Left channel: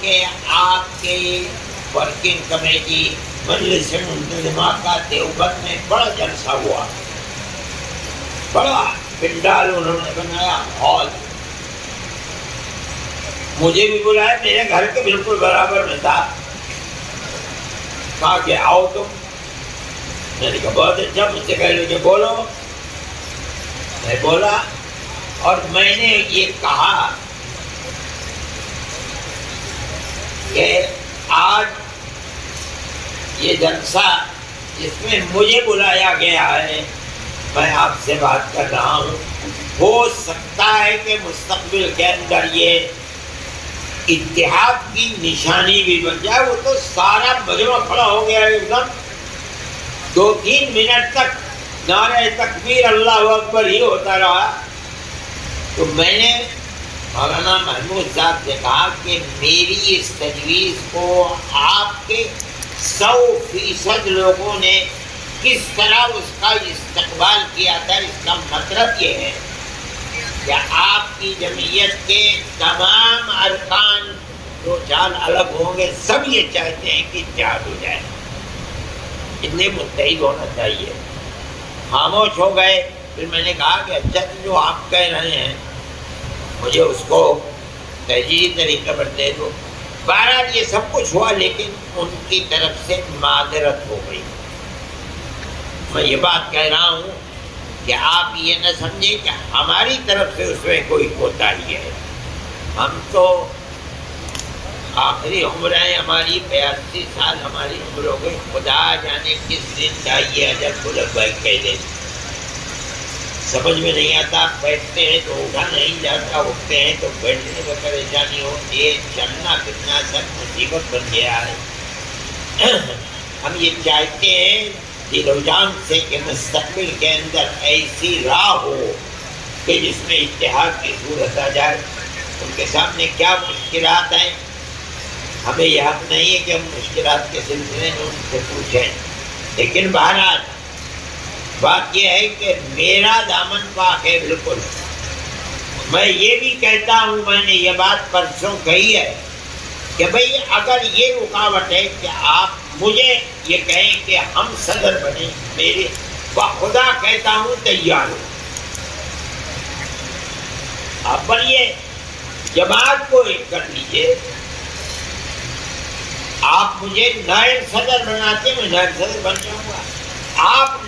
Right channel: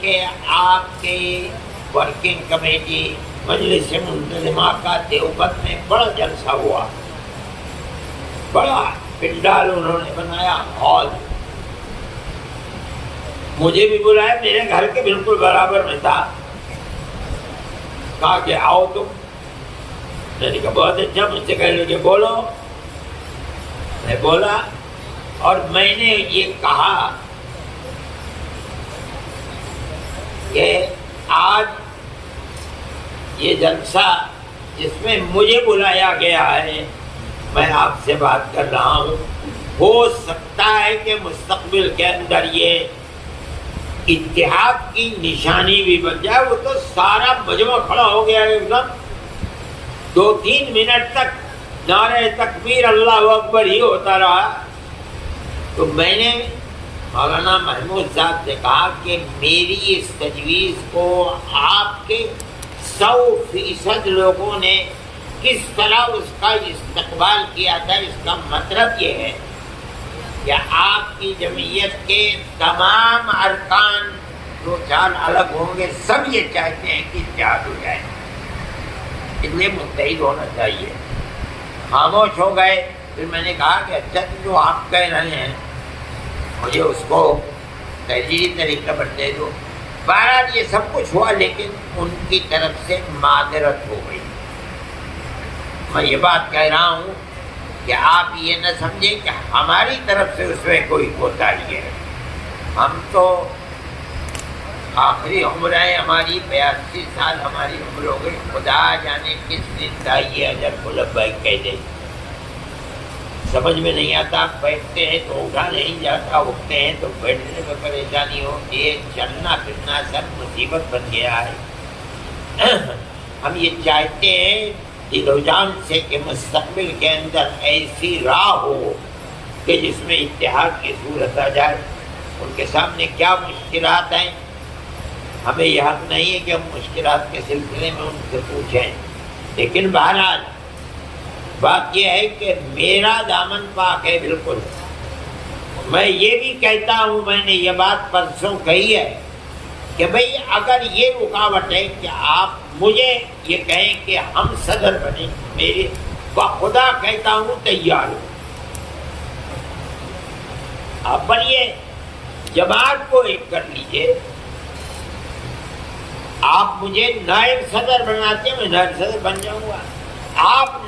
کہ آپ کے ورکنگ کمیٹی مجلس منتظمہ کا دیوبند میں بڑا جلسہ ہوا، بڑا پنڈال انہوں نے بنایا، ہال، مجھے بھی بلایا، میرے گھر کے بالکل برابر میں تھا، کہا کہ آؤ تم، میں نے کہا بہت اچھا، مجھ سے کہہ لے کہ بولو، میں بولا اور میں نے یہ کہا کہ آج یہ جلسہ جس میں مجھے بلایا گیا ہے، میں آپ سے بات کر رہا ہوں، ہو سکتا ہے کہ مستقبل کے اندر یہ اتحاد کی نشانی بھی بن جائے۔ وہ تو سارا مجمع کھڑا ہو گیا ایک دم، 2-3 منٹ تک نعرہ تکبیر اللہ اکبر ہی ہوتا رہا۔ تو میں نے مولانا محمود صاحب سے کہا کہ میری اس تجویز کو آپ کے 100% لوگوں نے کس طرح اس کا استقبال کیا تھا، اس کا مطلب یہ ہے کہ آپ کی جمعیت کے تمام ارکان جو چال الگ ہوں گے، سب یہ چاہتے ہیں کہ اتحاد ہو جائے، اتنے متحد ہونا چاہیے۔ خاموش ہو گئے۔ پھر میں نے کہا کہ اچھا تو جو آپ کہہ رہے ہیں مجھے اس کو تحریری طریقے پر دے دو۔ بہرحال یہ سب کچھ ہوا، لیکن ان کی طرف سے معذرت ہو گئی۔ میں یہ بات کہہ رہا ہوں کہ آپ یہ نہ سمجھیں کہ ہماری طرف سے اس میں کوئی کوتاہی ہے۔ ہم تو آخری عمر ہے ہماری، 82 سال ہماری عمر ہو گئی، خدا جانے کس دن کا یہ اجل کو لبیک کہہ دے، سمجھ میں نہیں آتا۔ بیٹھتے ہیں تو اٹھا نہیں جاتا، اٹھتے ہیں تو بیٹھنے میں پریشانی ہوتی ہے، چلنا پھرنا سب مصیبت بن گیا ہے۔ ہم یہ چاہتے ہیں دل و جان سے کہ مستقبل کے اندر ایسی راہ ہو کہ جس میں اتحاد کی صورت آ جائے۔ ان کے سامنے کیا مشکلات ہیں، ہمیں یہ حق نہیں ہے کہ ہم مشکلات کے سلسلے میں ان سے پوچھیں، لیکن بہرحال بات یہ ہے کہ میرا دامن پاک ہے بالکل۔ میں یہ بھی کہتا ہوں، میں نے یہ بات پرسوں کہی ہے کہ بھئی اگر یہ رکاوٹ ہے کہ آپ مجھے یہ کہیں کہ ہم صدر بنیں، میرے بخدا کہتا ہوں تیار ہوں۔ آپ بنیے، جماعت کو ایک کر لیجئے، آپ مجھے نائب صدر بناتے، میں نائب صدر بن جاؤں گا۔ آپ